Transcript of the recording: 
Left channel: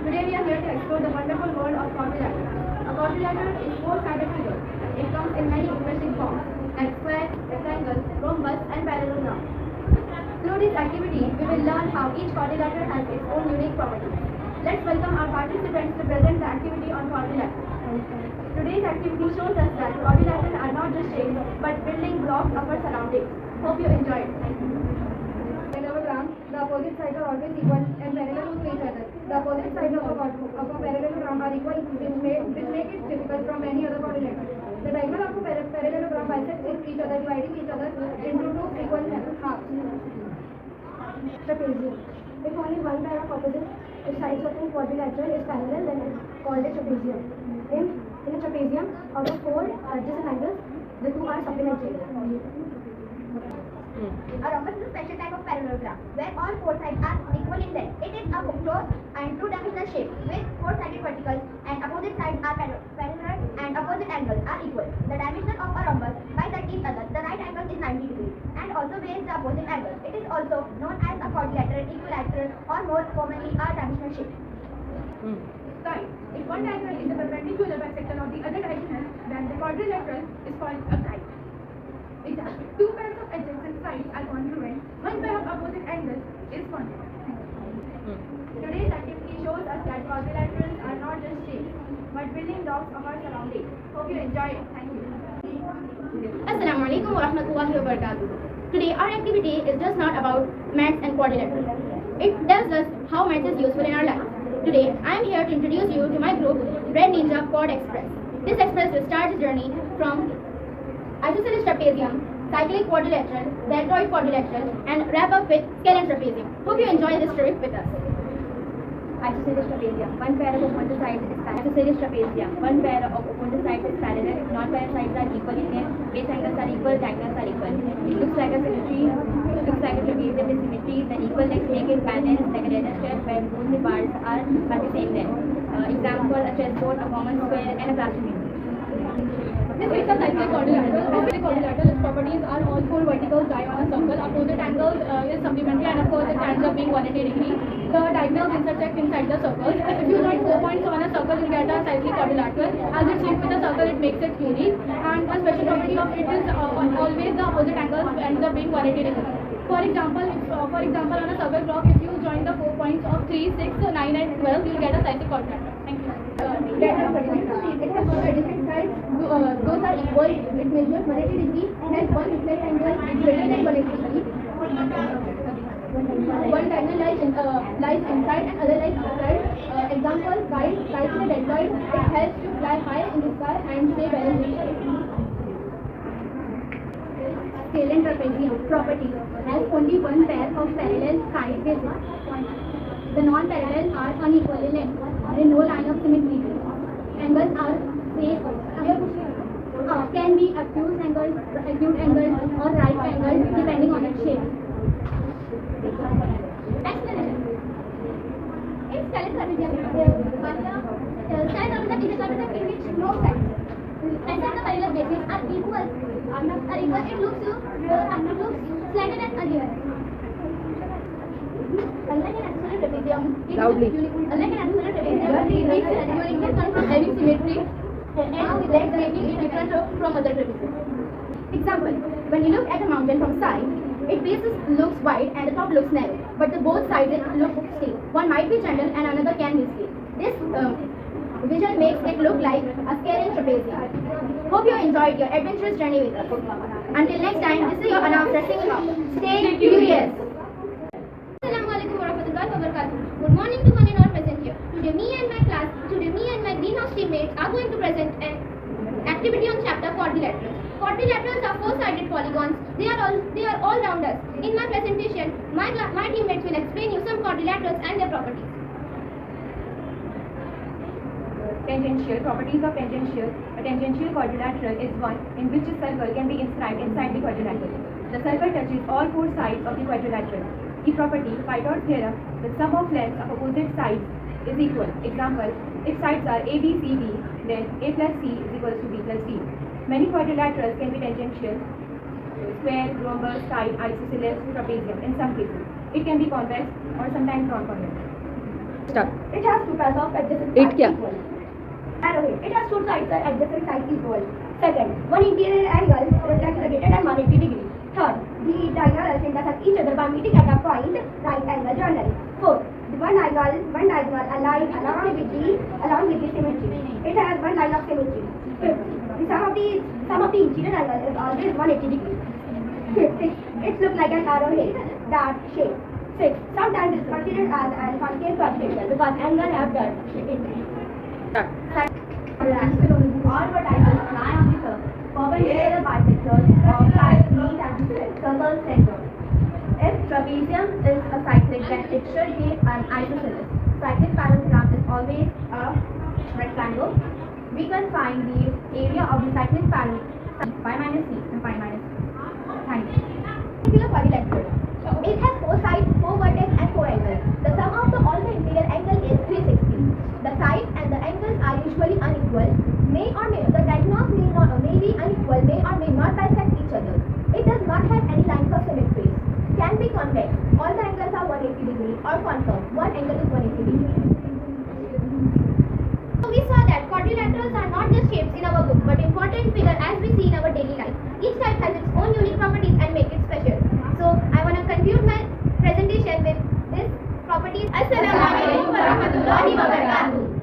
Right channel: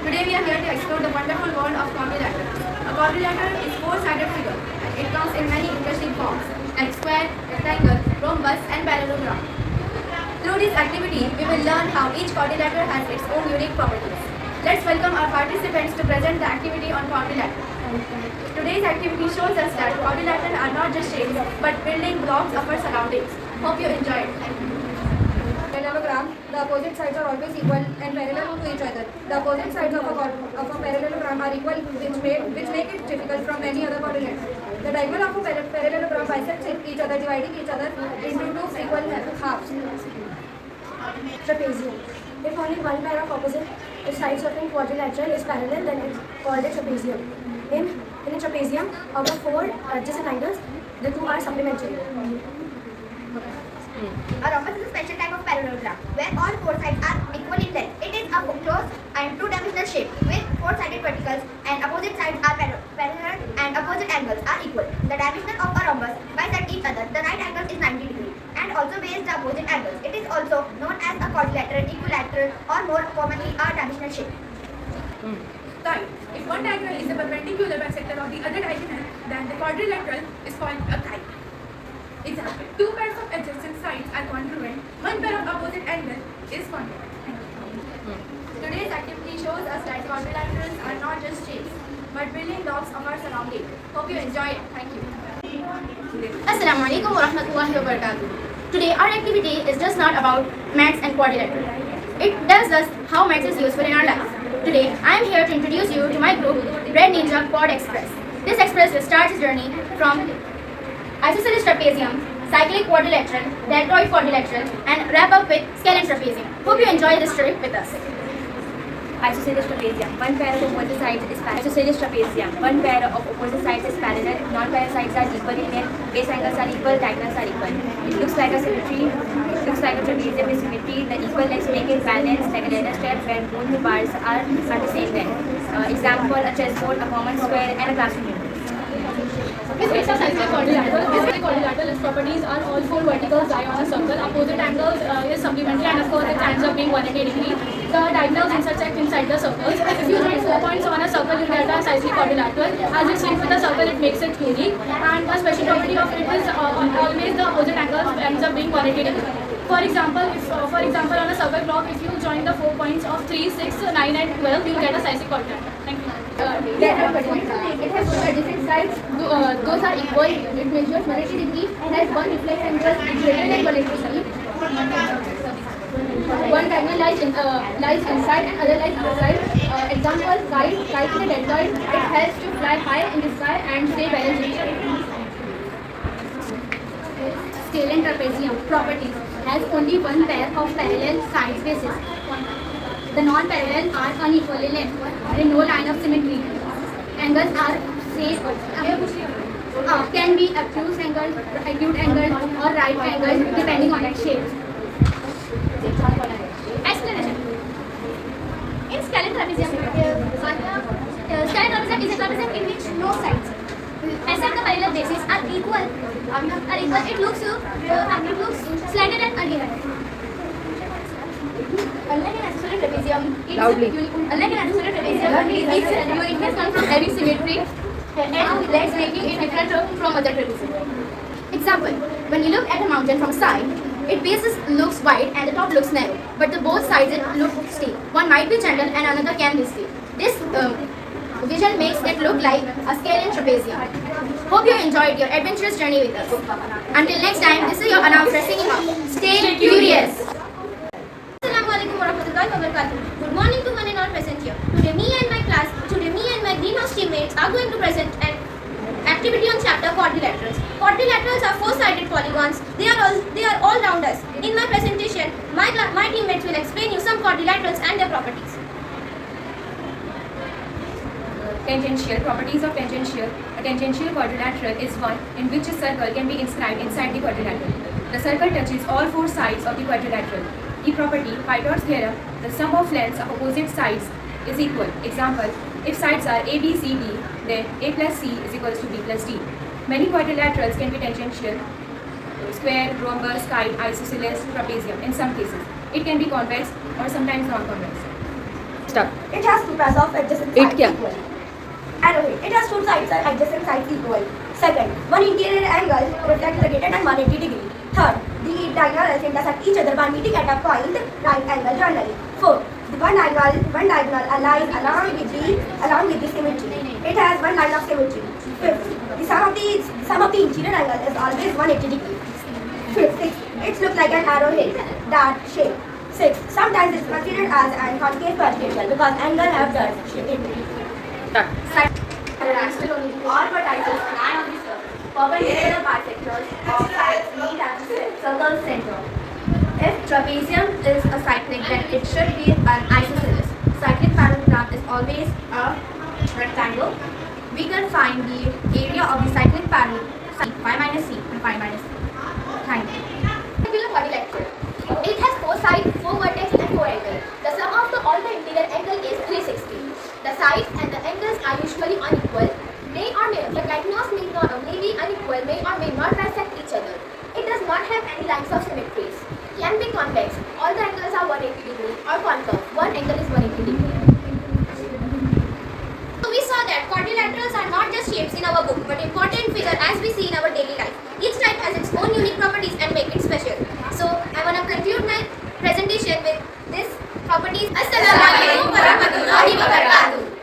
Today we are here to explore the wonderful world of quadrilateral. A quadrilateral is a four-sided figure. It comes in many interesting forms, like square, rectangle, rhombus, and parallelogram. Through this activity, we will learn how each quadrilateral has its own unique properties. Let's welcome our participants to present the activity on quadrilateral. Today's activity shows us that quadrilateral are not just shapes, but building blocks of our surroundings. Hope you enjoy it. Thank you. Parallelogram, the opposite sides are always equal and parallel to each other. The opposite sides of a parallelogram are equal, which make it difficult from any other quadrilateral. The diagonal of a parallelogram bisects each other, dividing each other into two equal halves. Trapezium. If only one pair of opposite sides of a quadrilateral is parallel, then it's called a trapezium. In a trapezium, out of four adjacent angles, the two are supplementary. A rhombus is a special type of parallelogram where all four sides are equal in length. It is a closed and two-dimensional shape with four-sided verticals and opposite sides are parallel and opposite angles are equal. The dimension of a rhombus bisect each other. The right angle is 90 degrees and also bears the opposite angles. It is also known as a quadrilateral, equilateral, or more commonly a dimensional shape. Third, if one diagonal is a perpendicular bisector of the other diagonal, then the quadrilateral is called a kite. Example, two pairs of adjacent sides are congruent, one pair of opposite angles is congruent. Today's activity shows us that quadrilaterals are not just shapes, but building blocks of our surrounding. Hope you enjoy it. Thank you. Assalamu alaikum wa rahmatullahi wa barakatuh. Today our activity is just not about maths and quadrilateral. It tells us how maths is useful in our life. Today I am here to introduce you to my group Red Ninja Quad Express. This express will start its journey from isosceles trapezium, cyclic quadrilateral, deltoid quadrilateral, and wrap up with scalene trapezium. Hope you enjoy this trip with us. Isosceles trapezium. One pair of opposite sides is parallel. Isosceles trapezium. One pair of opposite sides is parallel. Non-pair sides are equal in length. Base angles are equal. Diagonals are equal. It looks like a symmetry. It looks like a trapezium with symmetry. The equal legs make it balanced like a ladder step where both the bars are the same length. Example: a chessboard, a common square, and a classroom unit. This is a cyclic quadrilateral. Cyclic quadrilateral, its properties are all four verticals lie on a circle. Opposite angles is supplementary, and of course it ends up being 180 degrees. The diagonals intersect inside the circles. If you join 4 points on a circle, you get a cyclic quadrilateral. As it's linked with the circle, it makes it unique. And a special property of it is always the opposite angles ends up being 180 degrees. For example, on a circle block, if you join the 4 points of 3, 6, 9, and 12, you will get a cyclic quadrilateral. Thank you. It has two adjacent sides. Those are equal. It measures 180 degrees and has one reflex angle greater than 180 degrees. One diagonal lies inside and other lies outside. Example: kite in a deltoid. It helps to fly high in the sky and stay balanced in the air. Scalene trapezium properties has only one pair of parallel side bases. The non-parallel are unequal in length. There is no line of symmetry. Angles are can be acute angle, or right angle depending on its shape. Explanation. In scalene trapezium, scalene trapezium is a trapezium in which no sides and the parallel bases are equal. It looks slanted and uneven. Unlike an isosceles trapezium, uniqueness comes from having symmetry and legs making it different from other trapezium. Example: when you look at a mountain from side, its base looks wide and the top looks narrow, but the both sides look steep. One might be gentle and another can be steep. This vision makes it look like a scalene trapezium. Hope you enjoyed your adventurous journey with us. Until next time, this is your announcer signing off. Stay curious. Assalamu alaikum wa rahmatullahi wa barakatuh. Good morning to one and all present here. Today me and my greenhouse teammates are going to present an activity on chapter quadrilaterals. Quadrilaterals are four-sided polygons. They are all round us. In my presentation, my teammates will explain you some quadrilaterals and their properties. Tangential. Properties of tangential. A tangential quadrilateral is one in which a circle can be inscribed inside the quadrilateral. The circle touches all four sides of the quadrilateral. The property, Pythagoras theorem, the sum of lengths of opposite sides is equal. Example: if sides are A, B, C, D, then A plus C is equals to B plus D. Many quadrilaterals can be tangential: square, rhombus, kite, isosceles, trapezium. In some cases, it can be convex or sometimes non-convex. Start. It has two pairs of adjacent It sides क्या? equal. Arrowhead. It has two sides adjacent sides equal. Second, one interior angle reflects the greater than 180 degree. Third, the diagonals intersect each other by meeting at a point right angle generally. Fourth, the one diagonal lies along with the symmetry. It has one line of symmetry. Fifth, the sum of the interior angle is always 180 degree. Sixth, it looks like an arrowhead, that shape. Sixth, sometimes it's considered as an concave projection because angle have that shape. Start. All vertices lie on the circle, perpendicular bisectors of sides meet at the circle center. If trapezium is a cyclic, then it should be an isosceles. Cyclic parallelogram is always a rectangle. We can find the area of the cyclic parallelogram, phi minus c and phi minus c. Thank you. Triangular quadrilateral. It has 4 sides, 4 vertex and 4 angles. The sum of all the interior angle is 360. The sides and the angles are usually unequal. The diagonals may be unequal, may or may not bisect each other. It does not have any lines of symmetries. Can be convex. All the angles are 180 degree or concave. One angle is 180 degree. So we saw that quadrilaterals are not just shapes in our book, but important figure as we see in our daily life. Each type has its own unique properties and make it special. So I want to conclude my presentation with this properties. Assalamualaikum warahmatullahi wabarakatuh.